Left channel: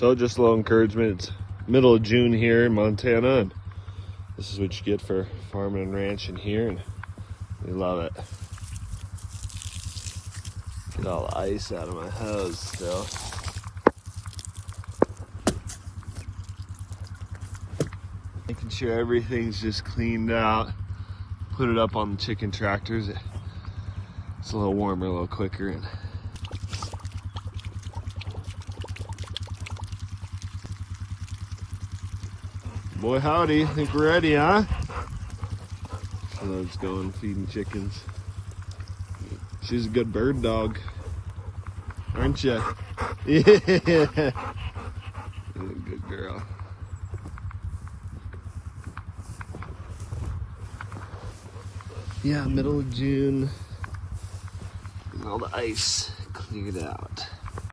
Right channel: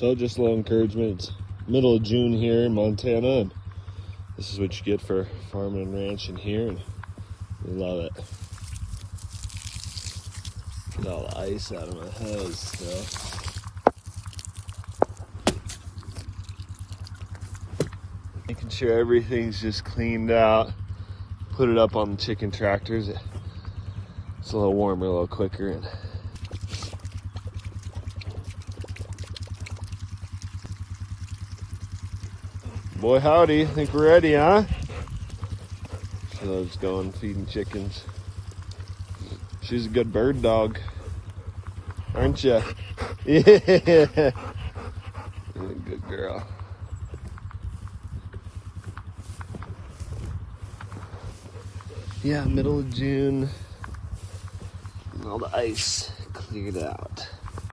So just a little encouragement. It's middle of June here in Montana, and this is what you get for farming and ranching here, and we love it. Get all the ice out of my hose still. Making sure everything's just cleaned out. Put it up on the chicken tractors. It's a little warmer, a little quicker. And boy howdy, think we're ready, huh? She's going feeding chickens. She's a good bird dog, aren't you? Yeah. Good girl. Yeah, middle of June. And all the ice cleared out.